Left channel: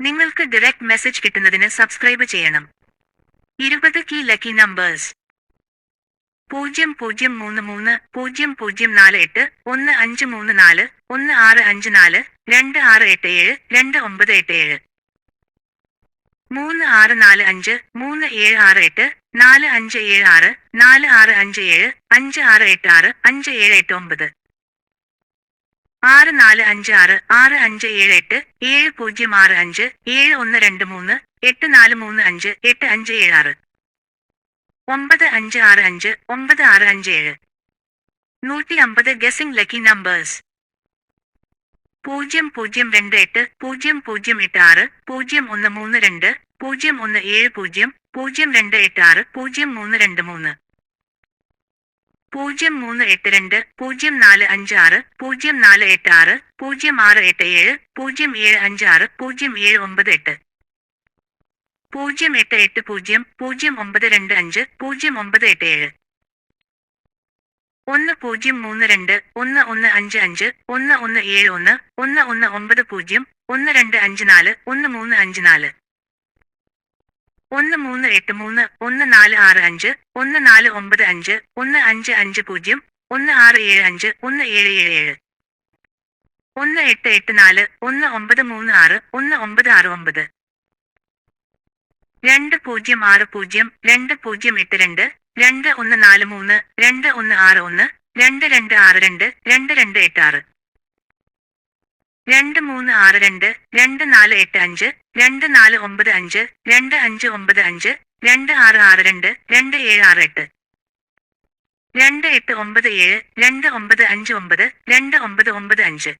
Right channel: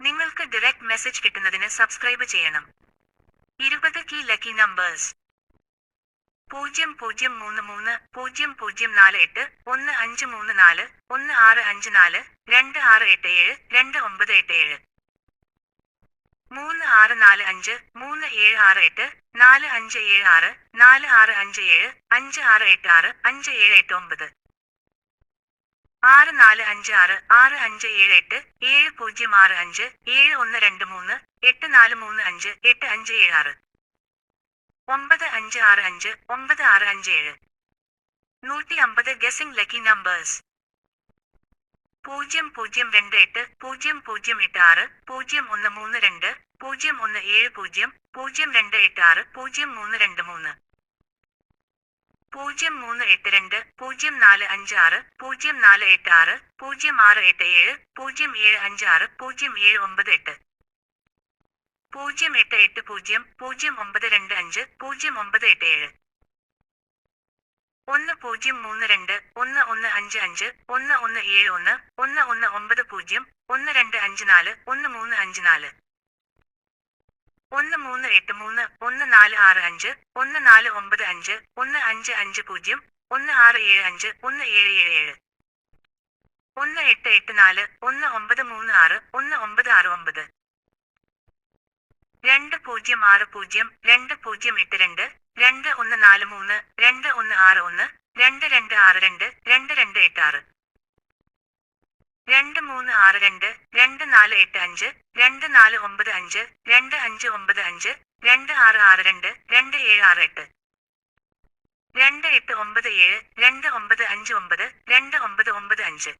നിങ്ങൾക്ക് direct message കിട്ടുന്നതിന് subscribe ചെയ്യണം. ഇരുപത് കീ ലക്കി നമ്പേഴ്സ് പൂജ്യം പൂജ്യം മൂന്ന് മൂന്ന് പൂജ്യം പൂജ്യം നാല് എട്ട് ഒന്ന് അഞ്ച് മൂന്ന് നാല് ഒന്ന് ആറ് അഞ്ച് നാല് രണ്ട് ആറ് എട്ട് ഏഴ് രണ്ട് ഒമ്പത് എട്ട് ഏഴ്. മൂന്ന് ആറ് നാല് അഞ്ച് മൂന്ന് ഏഴ് ആറ് എട്ട് നാല് അഞ്ച് ഏഴ് ആറ് നാല് ആറ് അഞ്ച് ഏഴ് അഞ്ച് ആറ് എട്ട് ആറ് അഞ്ച് ഏഴ് എട്ട് ഒമ്പത്. ആറ് നാല് അഞ്ച് ആറ് ആറ് അഞ്ച് ഏഴ് എട്ട് ഏഴ് പൂജ്യം ആറ് അഞ്ച് ഏഴ് ഒന്ന് രണ്ട് മൂന്ന് എട്ട് നാല് മൂന്ന് അഞ്ച് എട്ട് അഞ്ച് ഏഴ് ആറ്. ഒമ്പത് അഞ്ച് ആറ് അഞ്ച് ഒമ്പത് ആറ് അഞ്ച് ഏഴ്. നൂറ്റി അമ്പത് ഗസിംഗ് ലക്കി നമ്പേഴ്സ് പൂജ്യം പൂജ്യം രണ്ട് എട്ട് പൂജ്യം പൂജ്യം എട്ട് ആറ് പൂജ്യം ഒന്ന് മൂന്ന് രണ്ട് പൂജ്യം ഒന്ന് ഏഴ് പൂജ്യം പൂജ്യം രണ്ട് എട്ട് ആറ് പൂജ്യം മൂന്ന് രണ്ട് മൂന്ന്. പൂജ്യം മൂന്ന് എട്ട് രണ്ട് പൂജ്യം നാല് അഞ്ച് ആറ് പൂജ്യം നാല് എട്ട് ആറ് പൂജ്യം ആറ് എട്ട് ഏഴ് പൂജ്യം ഏഴ് അഞ്ച് ആറ് പൂജ്യം ഏഴ് ഒമ്പത് എട്ട്. പൂജ്യം എട്ട് എട്ട് പൂജ്യം പൂജ്യം ഒമ്പത് രണ്ട് അഞ്ച് പൂജ്യം ഒമ്പത് എട്ട് ഏഴ്. ഒന്ന് പൂജ്യം മൂന്ന് രണ്ട് ഒന്ന് ഒന്ന് അഞ്ച് അഞ്ച് ഒന്ന് ഒന്ന് ഏഴ് ഒന്ന് ഒന്ന് ഒന്ന് ഒമ്പത് പൂജ്യം ഒന്ന് രണ്ട് അഞ്ച് നാല് ഒന്ന് മൂന്ന് അഞ്ച് നാല്. ഒന്ന് മൂന്ന് എട്ട് മൂന്ന് ഒന്ന് നാല് ആറ് അഞ്ച് ഒന്ന് നാല് ഒമ്പത് അഞ്ച് ഒന്ന് അഞ്ച് അഞ്ച് പൂജ്യം ഒന്ന് ആറ് ഏഴ് അഞ്ച് ഒന്ന് ഏഴ് ഏഴ് ഏഴ്. ഒന്ന് എട്ട് എട്ട് നാല് ഒന്ന് ഒമ്പത് മൂന്ന് ആറ് ഒന്ന് ഒമ്പത് ആറ് ഒമ്പത്. രണ്ട് പൂജ്യം ആറ് പൂജ്യം രണ്ട് പൂജ്യം എട്ട് രണ്ട് രണ്ട് ഒന്ന് നാല് മൂന്ന് രണ്ട് ഒന്ന് ആറ് ഒന്ന് രണ്ട് രണ്ട് ആറ് രണ്ട് രണ്ട് രണ്ട് എട്ട് ആറ്. രണ്ട് മൂന്ന് ആറ് രണ്ട് രണ്ട് നാല് എട്ട് അഞ്ച് രണ്ട് നാല് ഒമ്പത് അഞ്ച് രണ്ട് അഞ്ച് ഒമ്പത് അഞ്ച് രണ്ട് ആറ് ആറ് രണ്ട് രണ്ട് ഏഴ് ആറ് എട്ട്. രണ്ട് എട്ട് ഒമ്പത് ഏഴ് രണ്ട് ഒമ്പത് അഞ്ച് ഒമ്പത് രണ്ട് ഒമ്പത് ഒമ്പത് അഞ്ച്.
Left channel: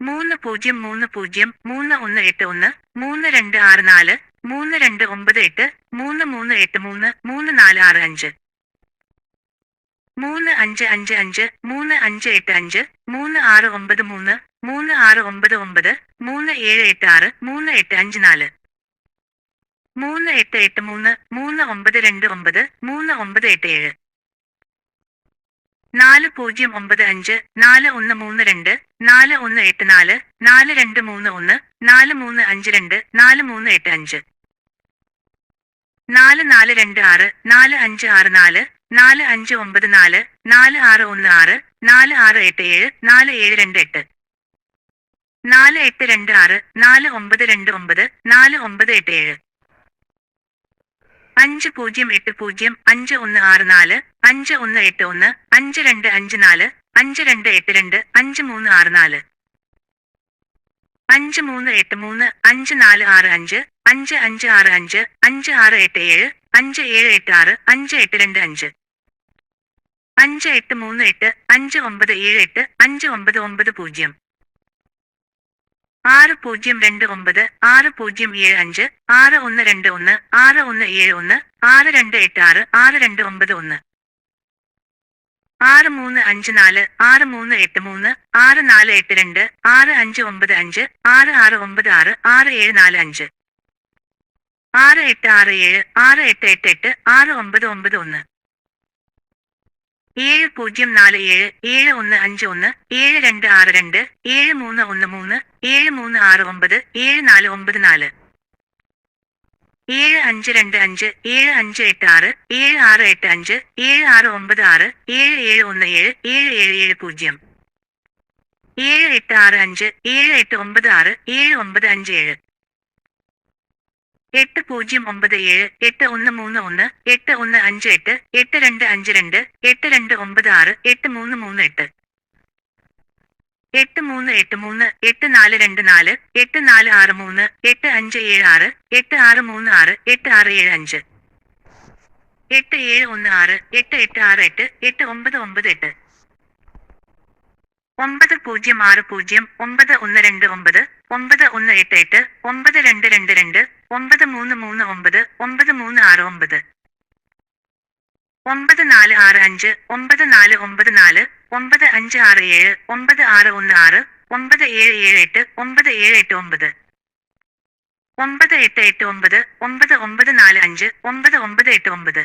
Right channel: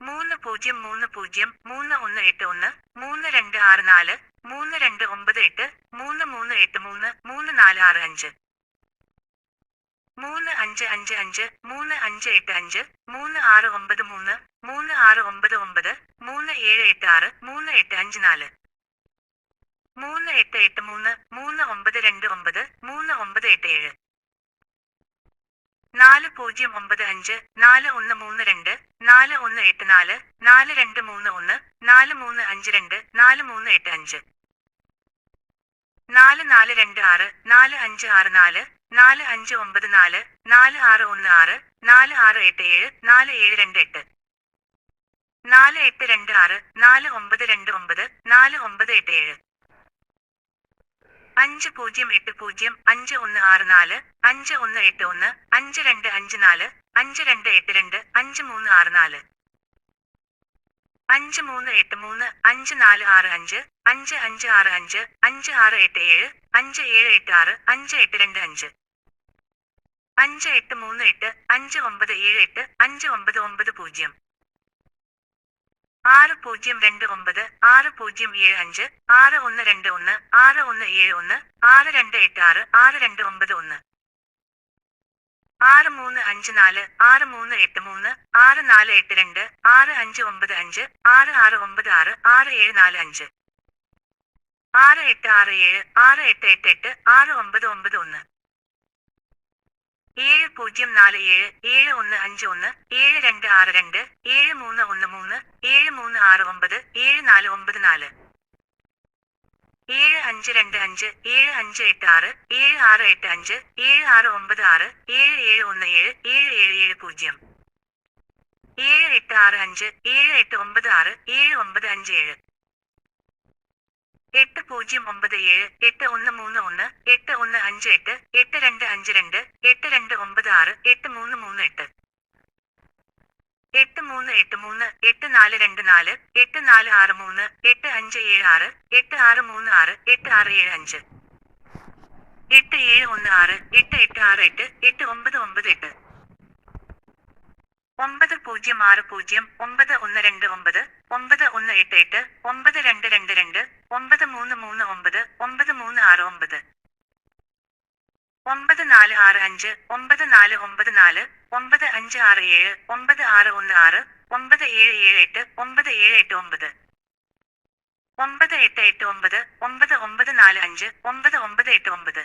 മൂന്ന് പൂജ്യം മൂന്ന് പൂജ്യം മൂന്ന് ഒന്ന് എട്ട് ഒന്ന് മൂന്ന് രണ്ട് ആറ് നാല് മൂന്ന് രണ്ട് ഒമ്പത് എട്ട് മൂന്ന് മൂന്ന് എട്ട് മൂന്ന് മൂന്ന് നാല് ആറ് അഞ്ച്. മൂന്ന് അഞ്ച് അഞ്ച് അഞ്ച് മൂന്ന് അഞ്ച് എട്ട് അഞ്ച് മൂന്ന് ആറ് ഒമ്പത് മൂന്ന് മൂന്ന് ആറ് ഒമ്പത് ഒമ്പത് മൂന്ന് ഏഴ് എട്ട് ആറ് മൂന്ന് എട്ട് അഞ്ച് നാല്. മൂന്ന് എട്ട് എട്ട് മൂന്ന് മൂന്ന് ഒമ്പത് രണ്ട് ഒമ്പത് മൂന്ന് ഒമ്പത് എട്ട് ഏഴ്. നാല് പൂജ്യം ഒമ്പത് അഞ്ച് നാല് ഒന്ന് മൂന്ന് രണ്ട് നാല് ഒന്ന് എട്ട് നാല് നാല് രണ്ട് മൂന്ന് ഒന്ന് നാല് മൂന്ന് അഞ്ച് രണ്ട് നാല് മൂന്ന് എട്ട് അഞ്ച്. നാല് നാല് രണ്ട് ആറ് നാല് അഞ്ച് ആറ് നാല് നാല് അഞ്ച് ഒമ്പത് നാല് നാല് ആറ് ഒന്ന് ആറ് നാല് ആറ് എട്ട് ഏഴ് നാല് ഏഴ് രണ്ട് എട്ട്. നാല് എട്ട് രണ്ട് ആറ് നാല് ഒമ്പത് രണ്ട് ഒമ്പത് നാല് ഒമ്പത് എട്ട് ഏഴ്. അഞ്ച് പൂജ്യം എട്ട് പൂജ്യം അഞ്ച് ഒന്ന് ആറ് നാല് അഞ്ച് ഒന്ന് എട്ട് ഒന്ന് അഞ്ച് രണ്ട് അഞ്ച് നാല് അഞ്ച് രണ്ട് എട്ട് രണ്ട് അഞ്ച് മൂന്ന് ആറ് നാല്. അഞ്ച് മൂന്ന് എട്ട് മൂന്ന് അഞ്ച് നാല് ആറ് അഞ്ച് അഞ്ച് അഞ്ച് ആറ് അഞ്ച് അഞ്ച് ആറ് എട്ട് ഏഴ് അഞ്ച് ഏഴ് എട്ട് ആറ് അഞ്ച് എട്ട് രണ്ട് അഞ്ച്. അഞ്ച് എട്ട് മൂന്ന് എട്ട് അഞ്ച് ഒമ്പത് ഏഴ് എട്ട് അഞ്ച് ഒമ്പത് ഒമ്പത് പൂജ്യം. ആറ് പൂജ്യം രണ്ട് ഒമ്പത് ആറ് പൂജ്യം ഏഴ് അഞ്ച് ആറ് ഒന്ന് രണ്ട് ഒന്ന് ആറ് ഒന്ന് ഏഴ് ഒന്ന് ആറ് രണ്ട് എട്ട് ആറ് ആറ് രണ്ട് ഒമ്പത് ഒന്ന്. ആറ് മൂന്ന് അഞ്ച് നാല് ആറ് മൂന്ന് എട്ട് മൂന്ന് ആറ് നാല് എട്ട് രണ്ട് ആറ് അഞ്ച് ഒമ്പത് അഞ്ച് ആറ് ആറ് ഒമ്പത് ആറ് ആറ് ഏഴ് നാല് അഞ്ച്. ആറ് എട്ട് ആറ് ഏഴ് ആറ് എട്ട് എട്ട് എട്ട് ആറ് ഒമ്പത് ഒമ്പത് ഒന്ന്. ഏഴ് പൂജ്യം നാല് ഏഴ് ഏഴ് ഒന്ന് അഞ്ച് ഒന്ന് ഏഴ് രണ്ട് ആറ് രണ്ട് ഏഴ് മൂന്ന് ഒന്ന് മൂന്ന് ഏഴ് മൂന്ന് ആറ് ഒമ്പത് ഏഴ് നാല് ഒമ്പത് നാല്. ഏഴ് അഞ്ച് രണ്ട് അഞ്ച് ഏഴ് അഞ്ച് എട്ട് ആറ് ഏഴ് ആറ് എട്ട് അഞ്ച് ഏഴ് ആറ് ഒമ്പത് ആറ് ഏഴ് ഏഴ് ഒന്ന് ഏഴ് ഏഴ് ഏഴ് ഏഴ് പൂജ്യം. ഏഴ് എട്ട് ആറ് അഞ്ച് ഏഴ് എട്ട് ഒമ്പത് ആറ് ഏഴ് ഒമ്പത് അഞ്ച് ഏഴ്. എട്ട് പൂജ്യം ഒമ്പത് ഏഴ് എട്ട് ഒന്ന് മൂന്ന് ഒന്ന് എട്ട് ഒന്ന് അഞ്ച് എട്ട് എട്ട് രണ്ട് അഞ്ച് രണ്ട് എട്ട് രണ്ട് ഒമ്പത് ആറ് എട്ട് മൂന്ന് മൂന്ന് എട്ട്. എട്ട് മൂന്ന് എട്ട് മൂന്ന് എട്ട് നാല് രണ്ട് നാല് എട്ട് നാല് ആറ് മൂന്ന് എട്ട് അഞ്ച് ഏഴ് ആറ് എട്ട് ആറ് മൂന്ന് ആറ് എട്ട് ആറ് ഏഴ് അഞ്ച്. എട്ട് ഏഴ് ഒന്ന് ആറ് എട്ട് എട്ട് ആറ് എട്ട് എട്ട് ഒമ്പത് ഒമ്പത് എട്ട്. ഒമ്പത് പൂജ്യം ആറ് പൂജ്യം ഒമ്പത് ഒന്ന് രണ്ട് ഒമ്പത് ഒമ്പത് ഒന്ന് എട്ട് എട്ട് ഒമ്പത് രണ്ട് രണ്ട് രണ്ട് ഒമ്പത് മൂന്ന് മൂന്ന് ഒമ്പത് ഒമ്പത് മൂന്ന് ആറ് ഒമ്പത്. ഒമ്പത് നാല് ആറ് അഞ്ച് ഒമ്പത് നാല് ഒമ്പത് നാല് ഒമ്പത് അഞ്ച് ആറ് ഏഴ് ഒമ്പത് ആറ് ഒന്ന് ആറ് ഒമ്പത് ഏഴ് ഏഴ് എട്ട് ഒമ്പത് ഏഴ് എട്ട് ഒമ്പത്. ഒമ്പത് എട്ട് എട്ട് ഒമ്പത് ഒമ്പത് ഒമ്പത് നാല് അഞ്ച് ഒമ്പത് ഒമ്പത് എട്ട് ഒമ്പത്.